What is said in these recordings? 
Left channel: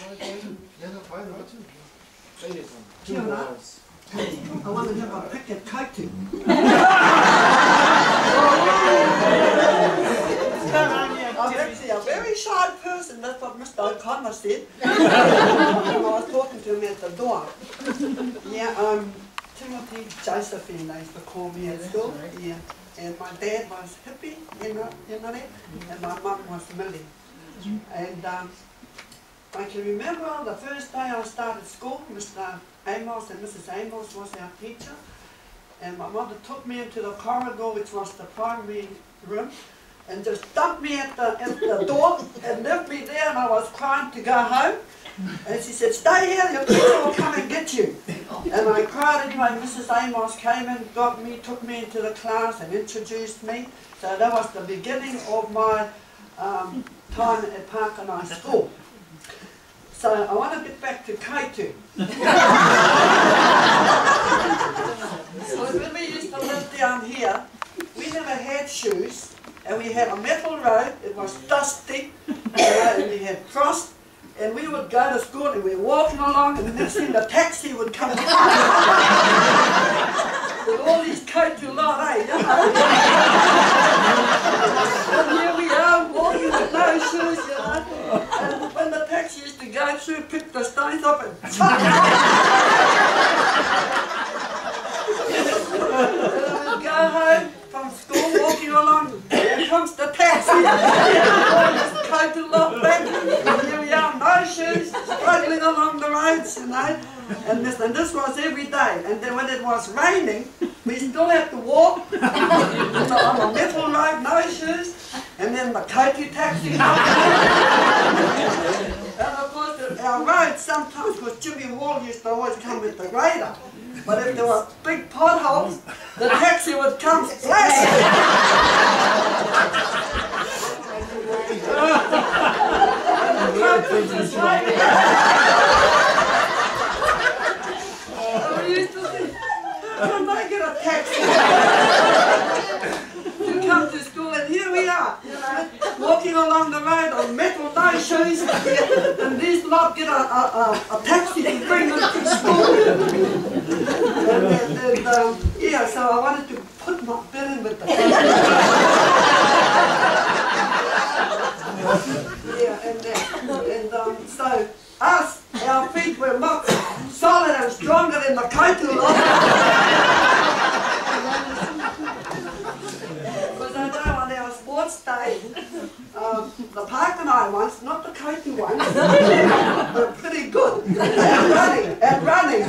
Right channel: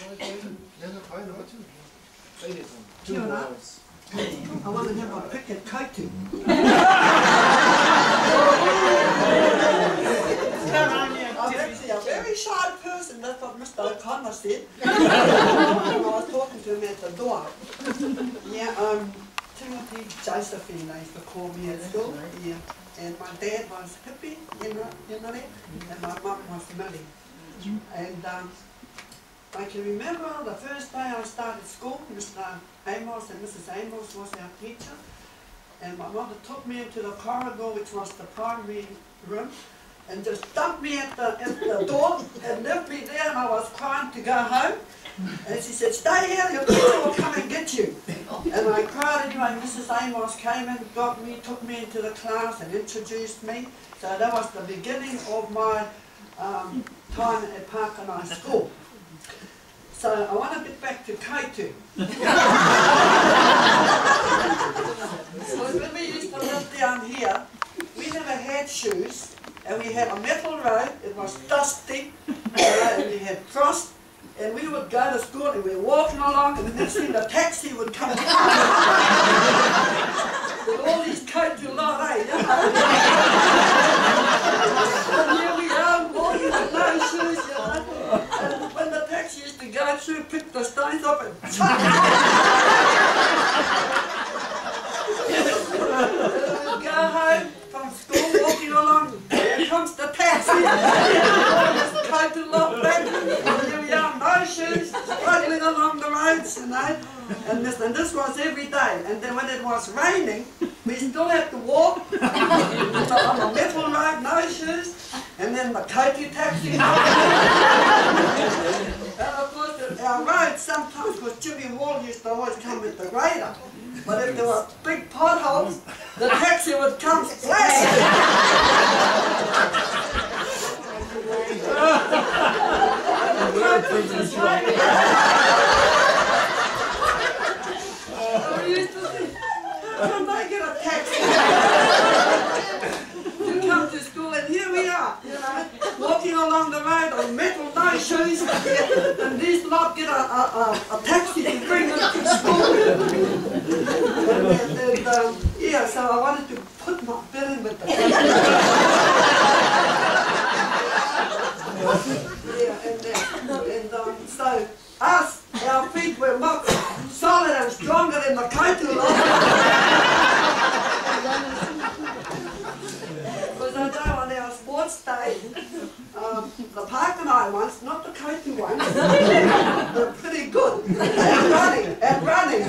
I want to have a pick at kaiti. I'm actually a very shy person, that's what Mr. O'Connor said. When I was talking to him at the door. Yeah, Timoti Josephine, they used to call me at school. Yeah. And my dad was hippie, you know that? And my mum was Millie. And I can remember the first day I started school, Mr. Amos and Mrs. Amos was our teacher. And my mother took me into the corridor, which was the primary room, and just dumped me at the door and left me there, and I was crying to go home. And she said, "Stay here, your teacher will come and get you." And I cried anyway. Mrs. Amos came and got me, took me into the class and introduced me. So that was the beginning of my time at Pakanae school. So I want to get back to Kaitu. So when we used to live down here, we never had shoes, and we had a metal road. It was dusty, and we had frost, and we would go to school and we were walking along, and the next thing the taxi would come with all these Kaitu lot, eh? And here we are walking with no shoes, you know. And when the taxi used to go through, pick the stones up and chuck it. And go home from school, walking along, here comes the taxi. Coat to lock back, and here we are, no shoes, struggling along the roads, you know. And this was every day. And then when it was raining, we still had to walk on a metal road, no shoes, and then the Kaitu taxi. And of course, our roads sometimes, because Jimmy Wall used to always come with the grader, but if there were big potholes, the taxi would come splashing. And the coach was just waiting. We used to say, "Can they get a taxi to come to school?" And here we are, you know, walking along the road on metal no shoes, and these lot get a taxi to bring them to school. And yeah, so I wanted to put my bit in with the yeah, and so us, our feet were much solid and stronger than the Kaitu lot. Because I know on our sports day, the Pakanae ones, not the Kaitu ones, were pretty good at running.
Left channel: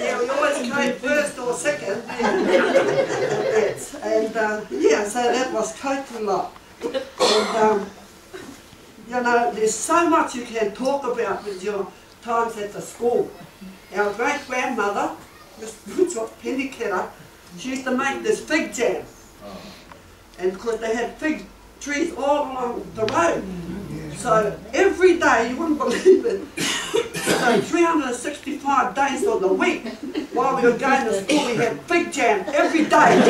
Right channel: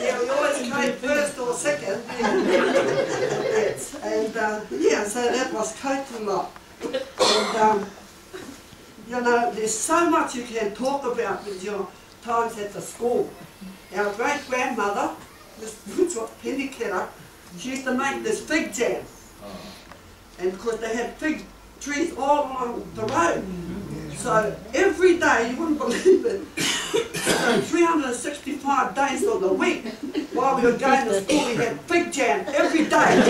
Yeah, we always came first or second. And yeah, so that was Kaitu lot. And you know, there's so much you can talk about with your times at the school. Our great-grandmother, Miss Penny Kera, she used to make this fig jam. And of course they had fig trees all along the road. So every day, you wouldn't believe it, so 365 days of the week, while we were going to school, we had fig jam every day.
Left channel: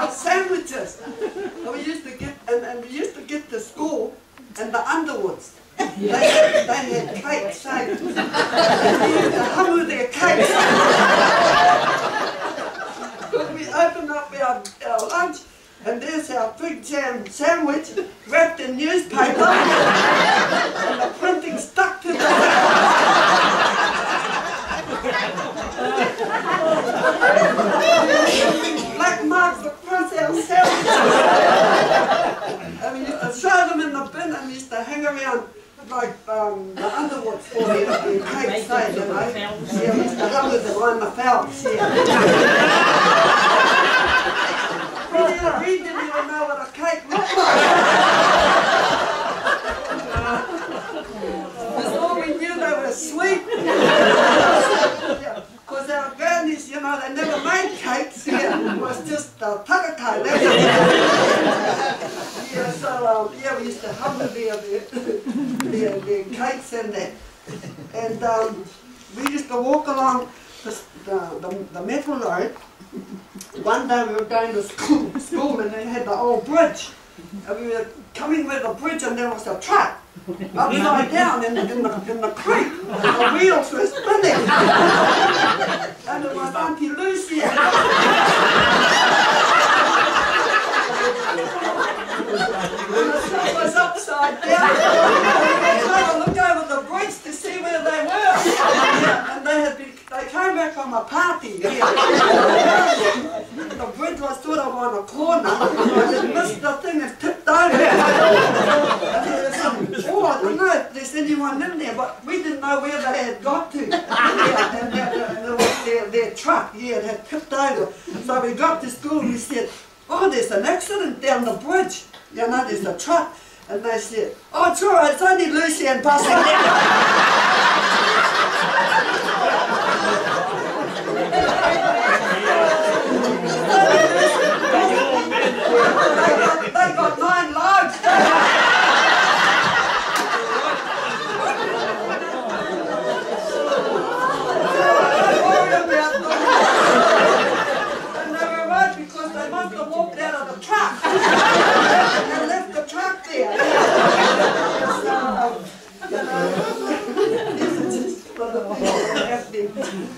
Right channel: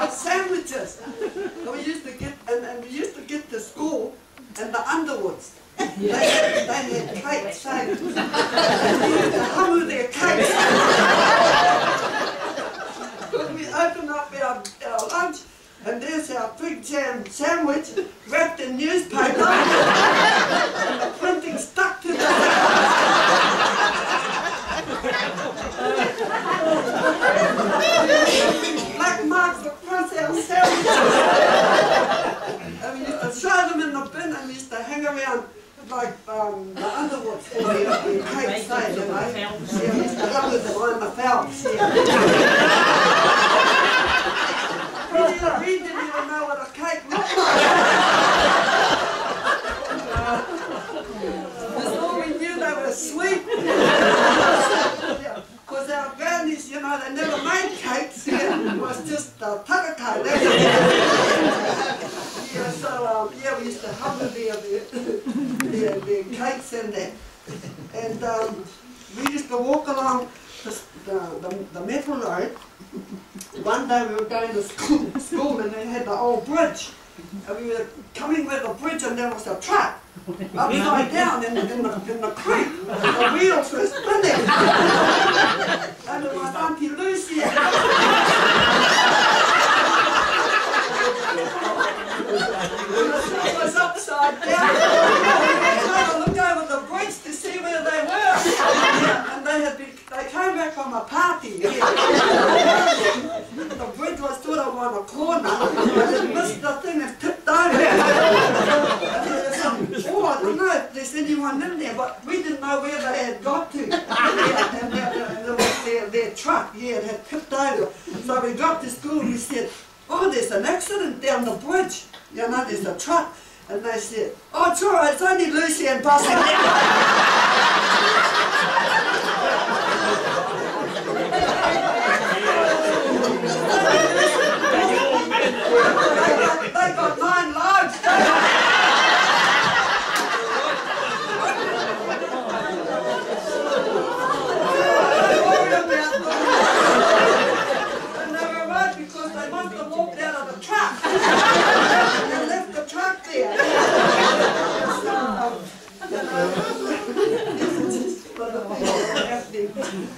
Our sandwiches. And we used to get, and we used to get to school, and the Underwoods, they had cakes, so we used to hummer their cakes. Because we opened up our lunch, and there's our fig jam sandwich wrapped in newspaper, and the printing stuck to the black marks across our sandwiches. And we used to throw them in the bin, and we used to hang around like the Underwoods for the cake stage, you know. Yeah, we used to rub it behind the fouts, yeah. We didn't even know what a cake looked like. That's all we knew, they were sweet. Because our grannies, you know, they never made cakes. Yeah, it was just Pakanae. Yeah, so yeah, we used to humble their cakes and that. And we used to walk along the metal road. One day we were going to school and they had the old bridge. And we were coming with a bridge and there was a truck upside down in the creek. The wheels were spinning. And it was Auntie Lucy. It was upside down. We were trying to look over the bridge to see where they were. Yeah, and they came back from a party. Yeah. The bridge was sort of on a corner. And it missed the thing and tipped over. Oh, I don't know if there's anyone in there, but we didn't know where they had got to. Yeah, and there was their truck, yeah, it had tipped over. So we got to school and we said, oh, there's an accident down the bridge. You know, there's a truck. And they said, oh, it's all right, it's only Lucy and passing They got 9 lives.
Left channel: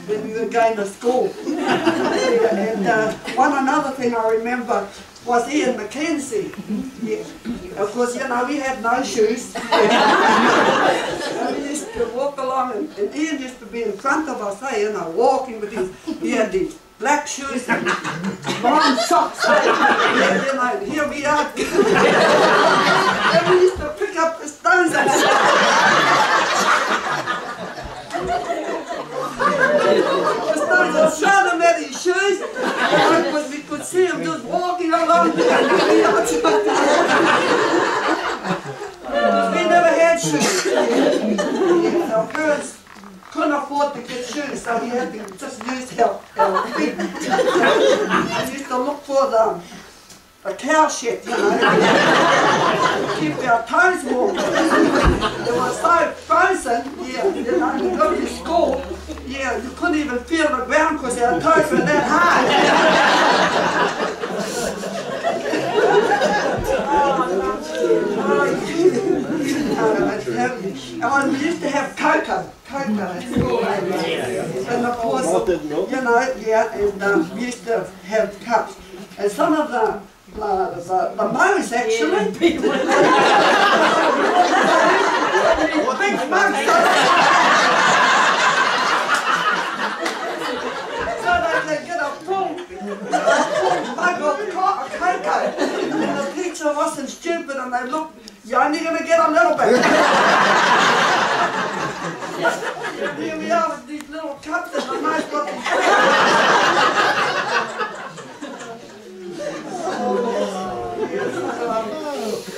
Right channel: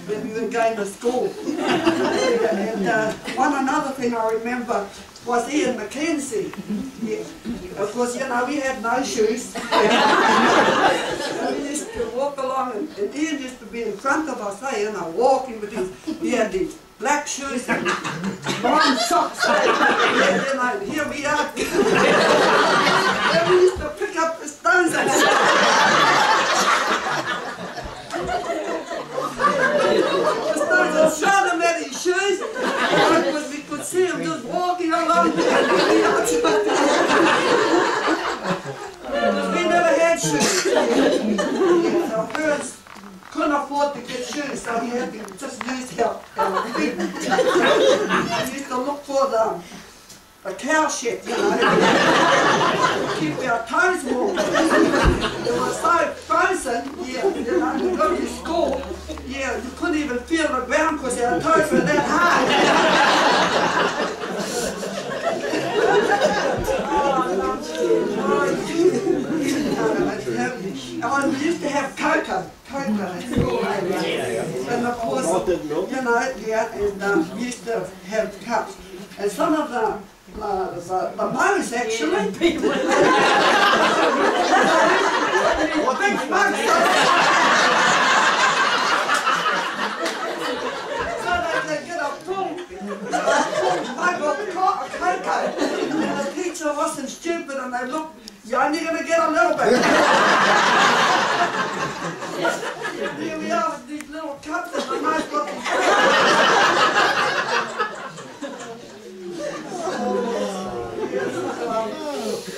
When we were going to school. And one another thing I remember was Ian Mackenzie. Yeah. Of course, you know, we had no shoes. And we used to walk along and Ian used to be in front of us, you know, walking with his, he had these black shoes and brown socks. Yeah, you know, and here we are. And we used to pick up the stones and throw them at his shoes, because we could see him just walking along. We never had shoes. Yeah, our parents couldn't afford to get shoes, so we had to just use our feet. We used to look for the cow shed, you know, to keep our toes warm. It was so frozen, yeah, you know, we got to school, yeah, you couldn't even feel the ground because our toes were that hard. We used to have cocoa at school, and of course, you know, yeah, and we used to have cups, and some of the mows actually, big mugs, so they could get a full mug of cocoa, and the teacher wasn't stupid, and they looked, you're only going to get a little bit. Here we are with these little cups and the most got these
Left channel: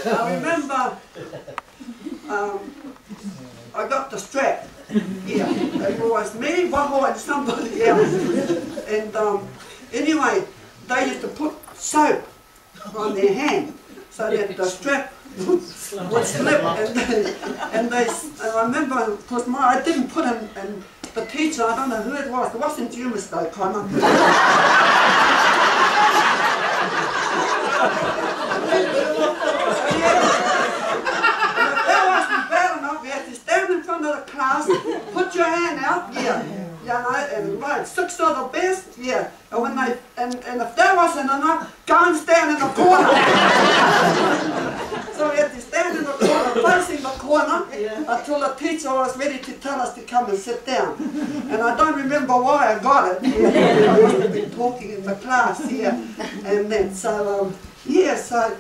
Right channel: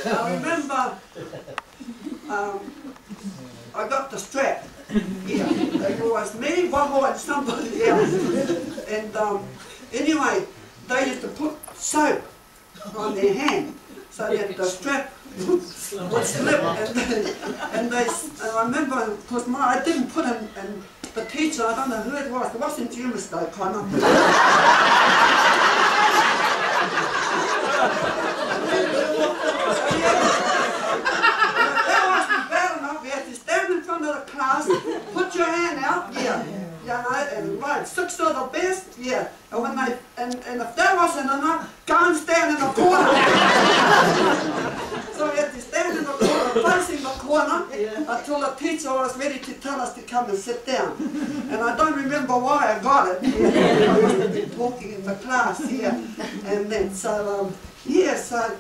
I remember I got the strap. Yeah, it was me, Waho and somebody else. And anyway, they used to put soap on their hand so that the strap would slip. And I remember, of course, I didn't put him, and the teacher, I don't know who it wasn't you, Mr. O'Connor. Class, put your hand out, yeah, you know, and right, 6 are the best, yeah, and when they, and if that wasn't enough, go and stand in the corner. So we had to stand in the corner, facing the corner, until the teacher was ready to tell us to come and sit down. And I don't remember why I got it, yeah. I must have been talking in the class, yeah, and then, so, yeah, so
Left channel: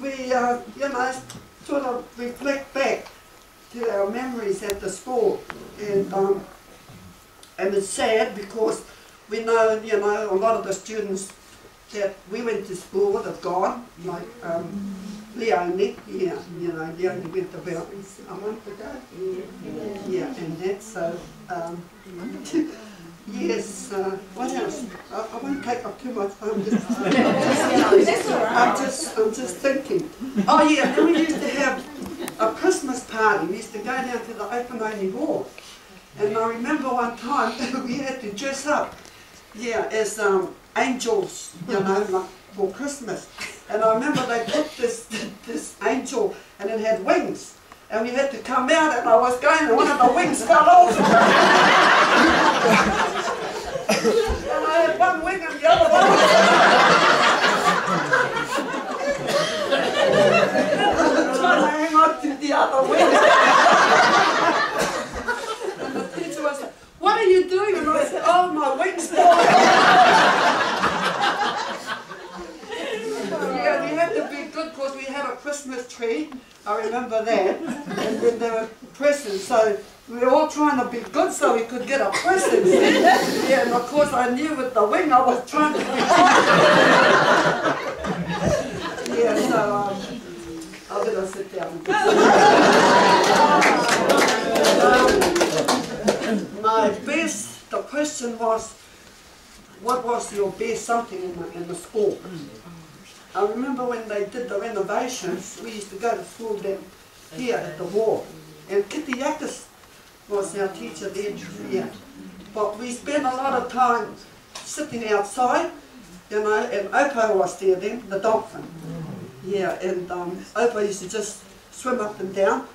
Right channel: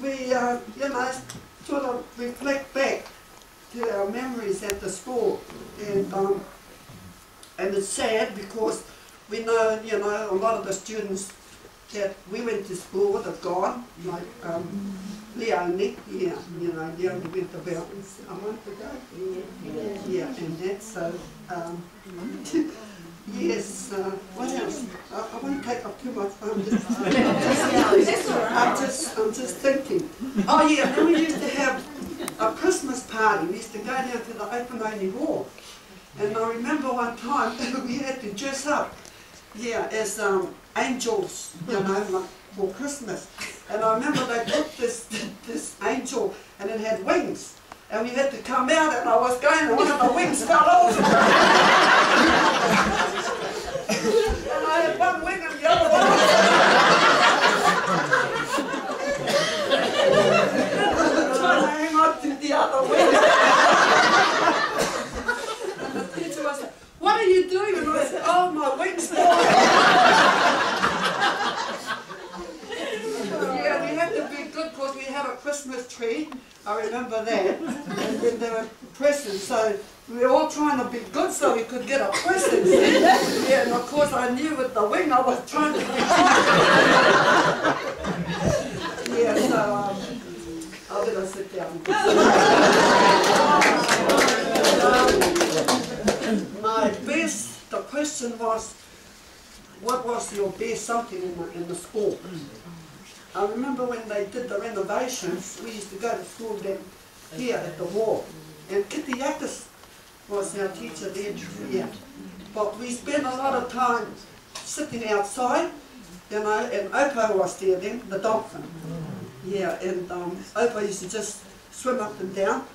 we, you know, sort of reflect back to our memories at the school, and it's sad because we know, you know, a lot of the students that we went to school with have gone, like Leonie, yeah, you know, Leonie went about a month ago, yeah, and that's so, yes, what else? I won't take up too much time, I'm just thinking. Oh yeah, then we used to have a Christmas party. We used to go down to the open only hall, and I remember one time we had to dress up, yeah, as angels, you know, like for Christmas. And I remember they put this angel, and it had wings. And we had to come out, and I was going, and one of the wings fell off. And I had one wing and the other one. Trying to hang on to the other wing. And the teacher was like, "What are you doing?" And I said, "Oh, my wing's falling." Yeah, we had to be good because we had a Christmas tree. I remember that. And then there were presents, so we were all trying to be good so we could get a present. Yeah, and of course I knew with the wing I was trying to be good. Yeah, so I better sit down. My best, the question was, what was your best something in the school? I remember when they did the renovations, we used to go to school then here at the wall. And Kitty Yakis was our teacher then here. But we spent a lot of time sitting outside, you know, and Opo was there then, the dolphin. Yeah, and Opo used to just swim up and down.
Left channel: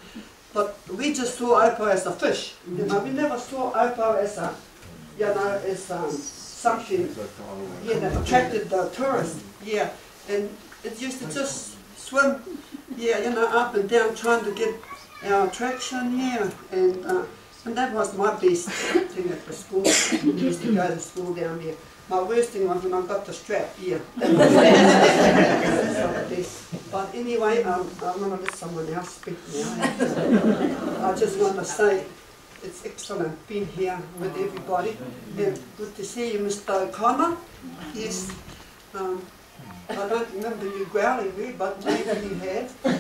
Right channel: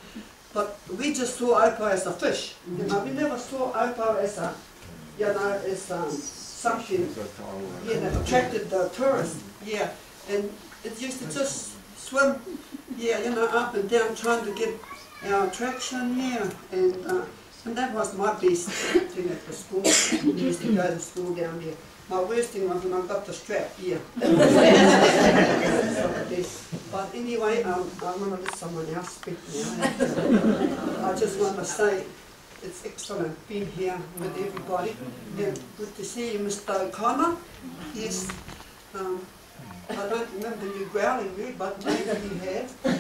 But we just saw Opo as a fish. You know, we never saw Opo as a, you know, as something, yeah, that attracted the tourists. Yeah. And it used to just swim, yeah, you know, up and down trying to get our attraction, yeah. And that was my best thing at the school. We used to go to school down there. My worst thing was when I got the strap, yeah. That was the best. But anyway, I'm going to let someone else speak now. I just want to say it's excellent being here with everybody. And good to see you, Mr. O'Connor. Yes. I don't remember you growling me, but maybe you have. But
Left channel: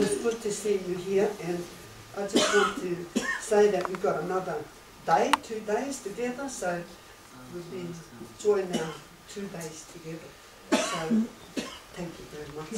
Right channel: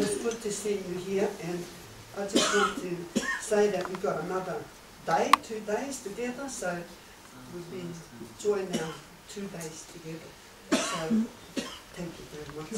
it's good to see you here, and I just want to say that we've got another day, 2 days together, so we'll be enjoying our 2 days together. So thank you very much.